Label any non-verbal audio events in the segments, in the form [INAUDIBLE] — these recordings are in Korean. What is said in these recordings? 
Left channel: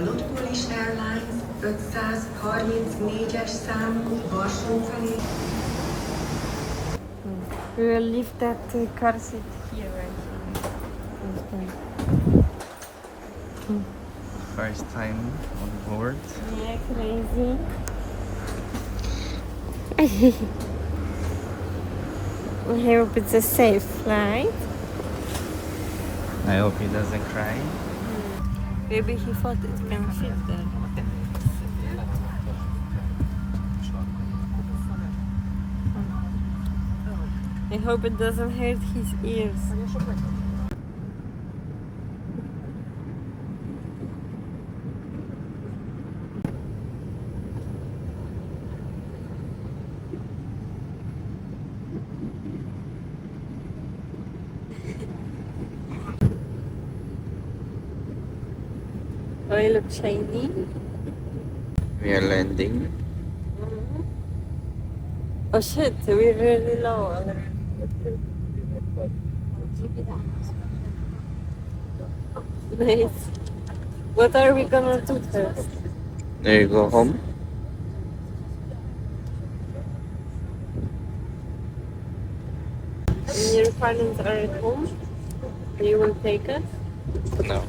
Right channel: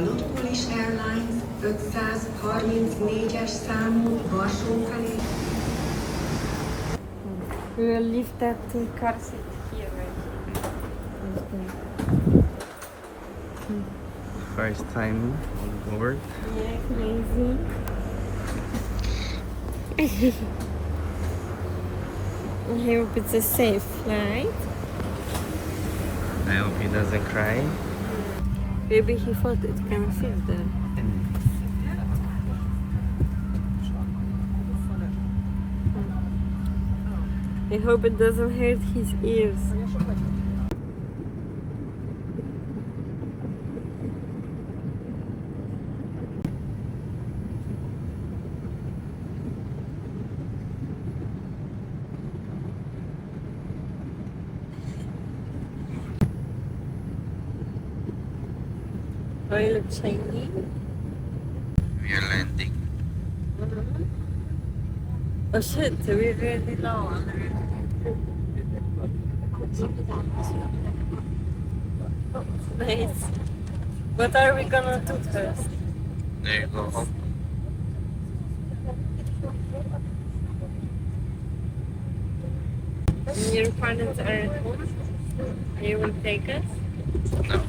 Önöket a Airlines 534-es számú Varsó felé We will leave that uh, car seat here. right? First time on board. Yeah, crazy. [LAUGHS] I hope it's a safe flight. I hope he doesn't cry. Maybe he thought it can fit there. I hope it doesn't hurt his ears. You look shiny. We are landing. Mm-hmm. Oh shit, we're really low already. Nice. What are we gonna do first? There you go home. When your parents are at home, you will take us? No.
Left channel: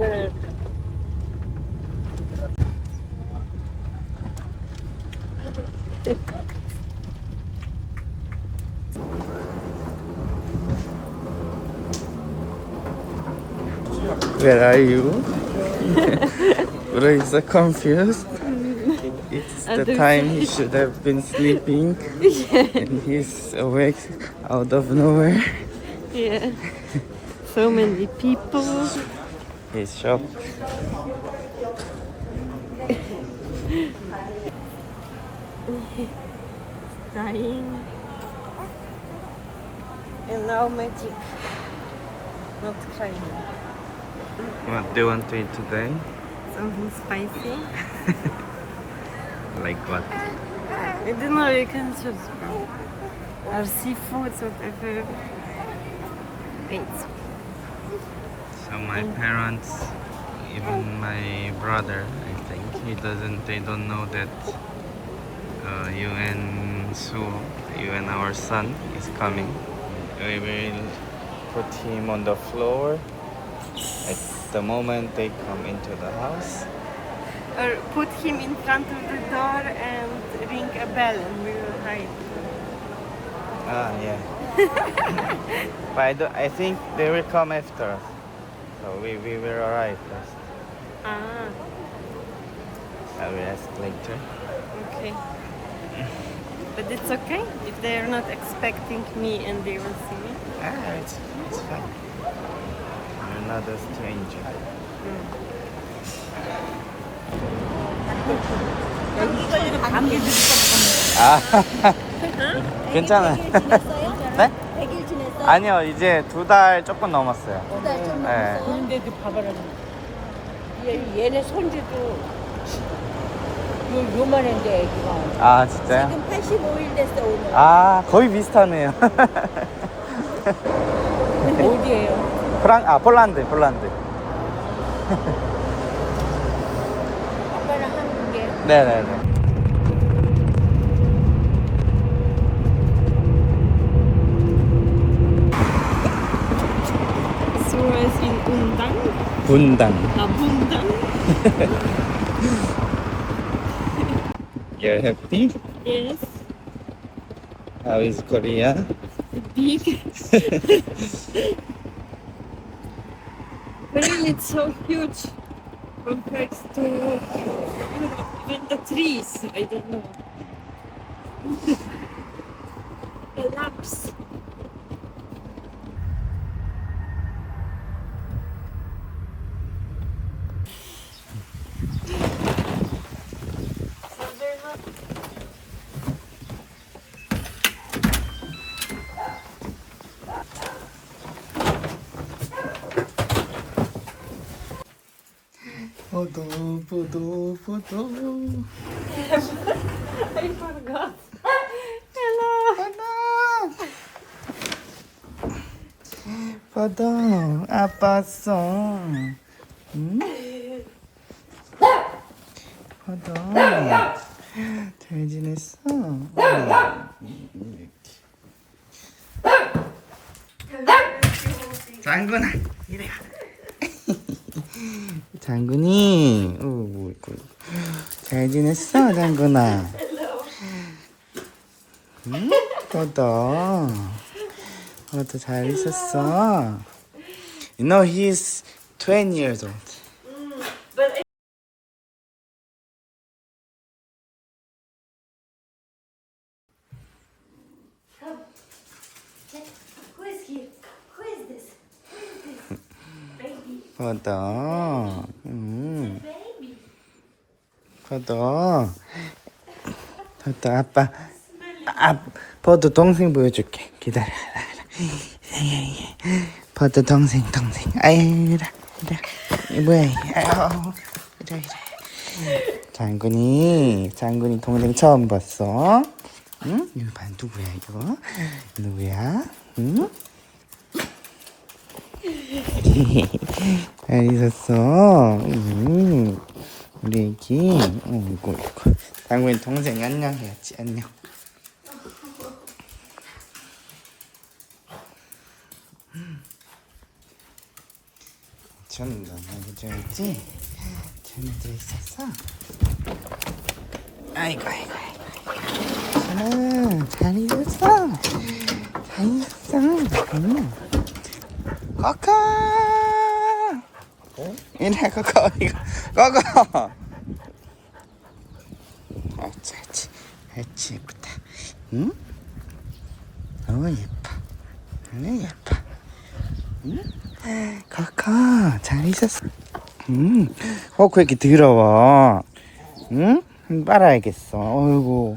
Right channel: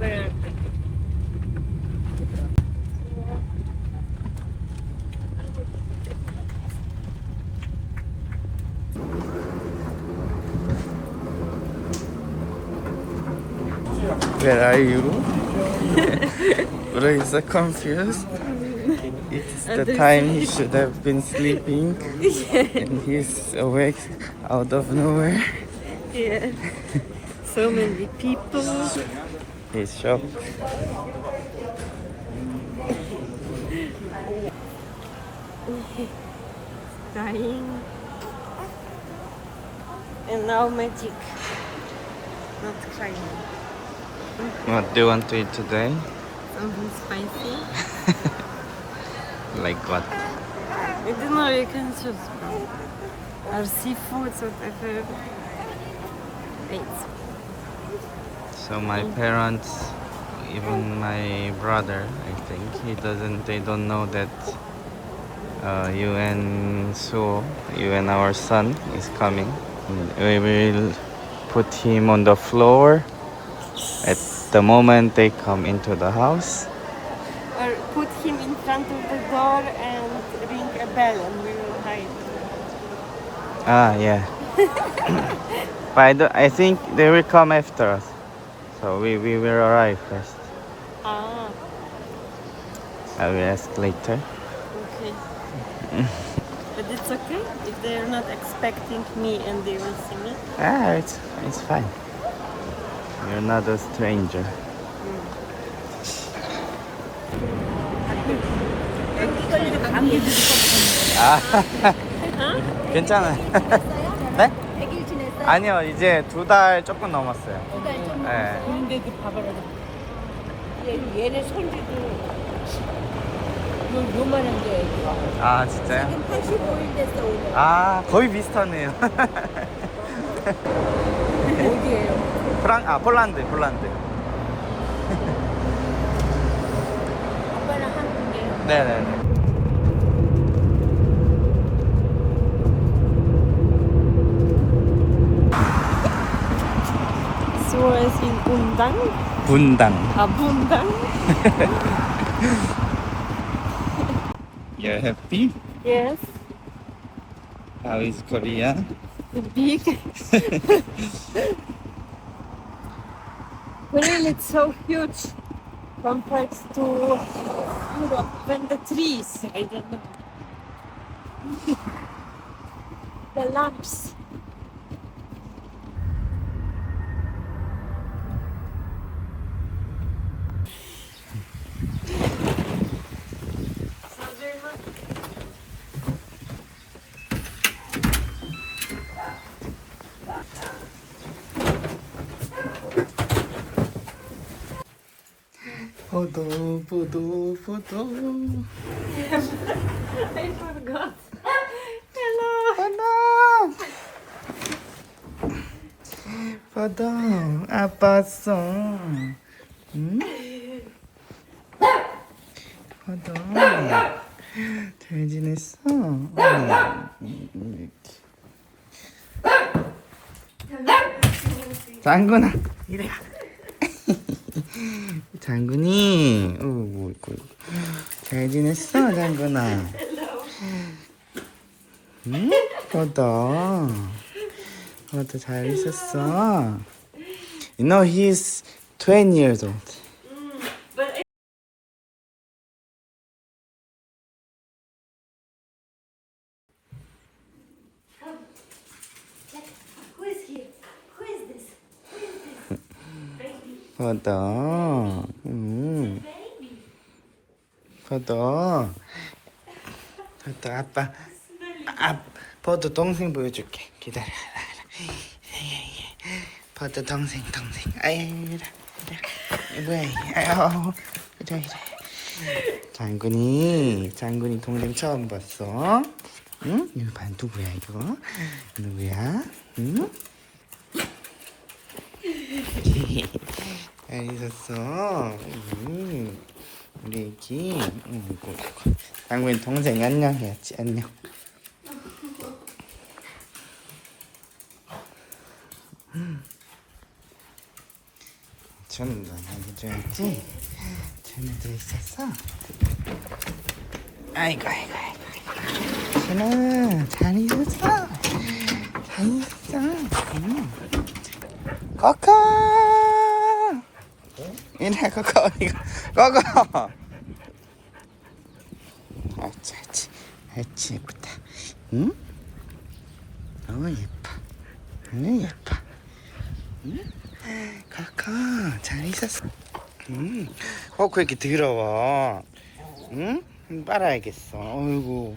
Where are? Where are you? [LAUGHS] So confused. It's the time he should have been sleeping. [LAUGHS] and he's awake out of nowhere. Yeah. So many people. He's shocked. Crying. And now magic. Not crying. What do you want to eat today? Something spicy. [LAUGHS] Like what? I don't know, you can choose from. Or seafoods, whatever. Wait. So my parents, even my brother, I think he doesn't. They don't know that uh, you and Sue, you and our son is coming. We will put him on the floor at the moment they come into the house. Or put him in front of the door and ring a bell and we will hide. Ah, yeah. [LAUGHS] but I, do, I think they will come after us. So we, we will arrive first. Ah, I will ask later. okay. [LAUGHS] but it's okay if they're not expecting me and they will see me. Ah, it's, it's fine. You're not a stranger. [LAUGHS] 아, [LAUGHS] 괜찮아 아니요, 이제 두 달 조금 넘었어요. 두달 좀 네. 근데 그 봐봐라. 얘, 얘는 손주도 요, 요만한 데 애기가. 아, 진짜요? 지금 85일 됐어 오늘. 아, 거의 비슷하네요. 어디에요? 프랑, 아, 폴란드, 폴란드. 아빠랑 한국이에요? 네네네. In Undang. 분당. Ah, Bundang. You're happy? Yes. How is Korea? Big. [LAUGHS] really, it's so huge compared to Europe. Even the trees, I don't know. [LAUGHS] the lamps. 부도 부도. 바다 아팠어 응? 바다 잘 지냈어? 어. 장군아 이래야 장군이. 어뭐 잘 지냈어 장군아? 응? 퍼더 퍼더 잘 있었어? You know he's 20 years old 응 Baby. 퍼더 퍼더 아빠. 아 퍼더 동생 보여줄게. 기다려. 퍼더 동생 동생. 아이 이래 이래 뭐야 이 아유 이래 이래 장군이 장군이 동생 처음 봤어. 응? 이거 봐 누구야 이거? 누구야? 응 [LAUGHS] 잘 있었어. 음, 우리 애기. 어, 이거, 이거. 장군이 동생 안녕 해야지, 안녕. 전도 해줘야지. 전도 있었어. 아이고, 아이고, 아이고. 잘 있었어. 잘 있었어. 음. 코코 이래 코코 이거. 코코 옳지 옳지. 옳지 예쁘다. 응? 너무 예뻐. 너무 예뻐. 응? 코코 잘 있었어. 응? 코코 이렇게 더러워 응? 빨아야겠어. 어이구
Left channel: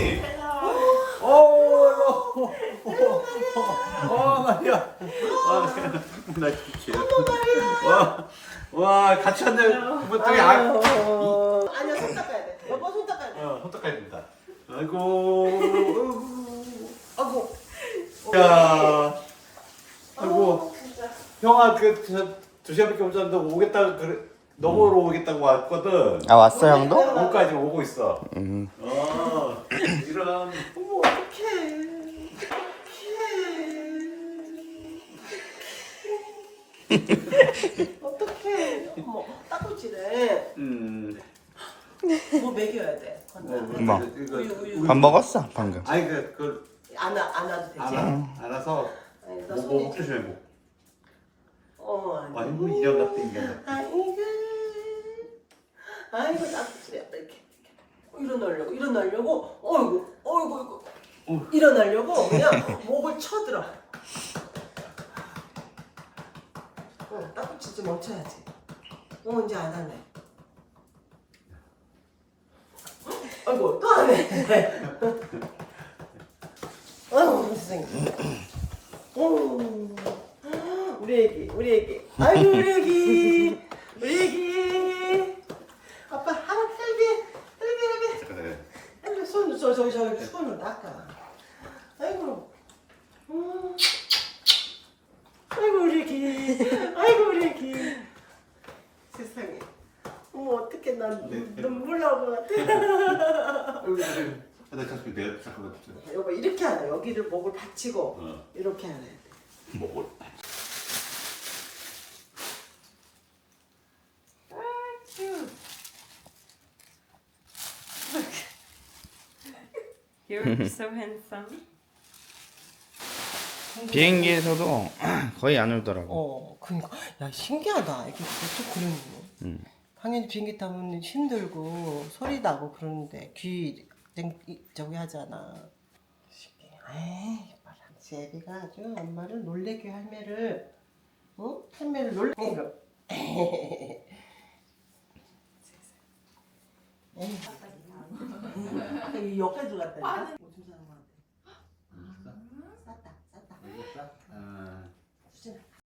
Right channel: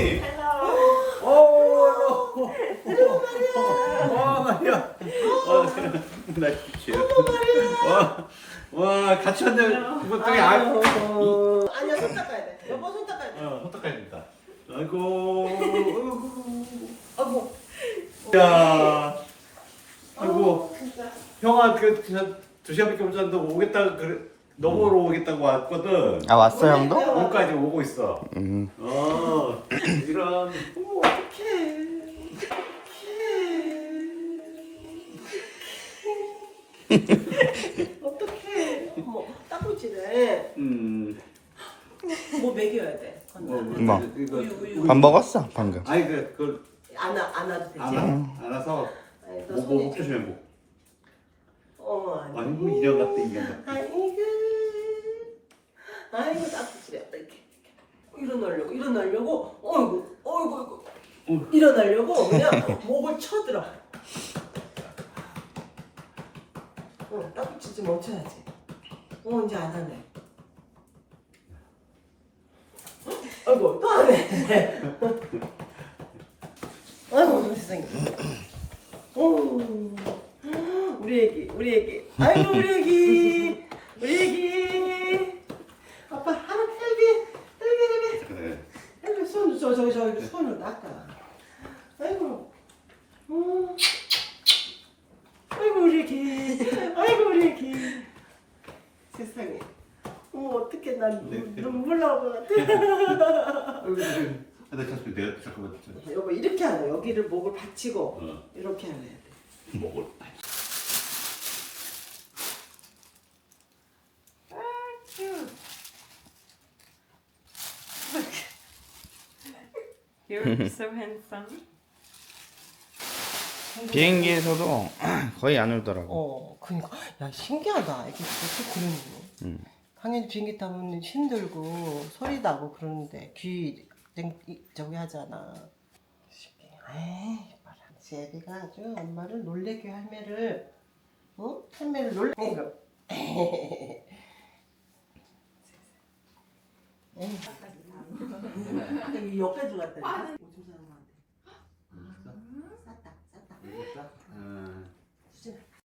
나 진짜. 와, 와 같이 왔네. 뭐 되게 아, 아니야 손 닦아야 돼. 여보 손 닦아야 돼. 어, 호떡해야 된다. 아이고, 아이고. 야, 아이고, 형아 그두 시간밖에 못 잤는데 오겠다 그래. 너 보러 오겠다고 왔거든. 아 왔어 형도? 오까지 오고 있어. 음. 어, 이런. 어머. 어떡해. 네. 음. 뭐 먹여야 돼. 뭐, 뭐? 이거, 우유, 우유. 밥 먹었어 방금. 아니 그, 그 안아 안아도 되지. 안아, 안아서 아니, 너 뭐, 손이- 뭐. 어머 아니. 아니 뭐 인형 같아. 아이고. 아이고 이렇게. 일어나려고 일어나려고. 어이구 어이구 어이구. 일어나려고 그냥 목을 쳐들어. 응, 닦고치 좀 멈춰야지. 어 이제 안 하네. 아이고 또 하네. [LAUGHS] 아이고 세상에. 오, 우리 애기, 우리 애기. 아이고 우리 애기, 우리 애기. 아빠 한 헬비, 헬비, 헬비. 그래. 헬비 손, 저, 저, 저, 손을 닦아. 아이고. 음. 아이고 우리 애기, 아이고 우리 애기. 세상에. 어머 어떻게 난 눈- 눈물 나올 것 같아. 나 잠깐 내가 잠깐만. 여보 이렇게 하나 여기를 목을 받치고 어. 이렇게. 목을. You're so handsome. [LAUGHS] 비행기에서도 [CLEARS THROAT] 거의 안 울더라고. 어, 그니까 야 신기하다. 이게 어떻게 그러니? 음. 당연히 비행기 타면 힘들고 소리 나고 그러는데 귀 땡- 이- 저기 하잖아. 쉽게. 에이, 봐라. 제비가 아주 엄마를 놀래게 할매를, 응? 할매를 놀래. 이거. [LAUGHS] 에이. 이 옆에 들어갔다니까.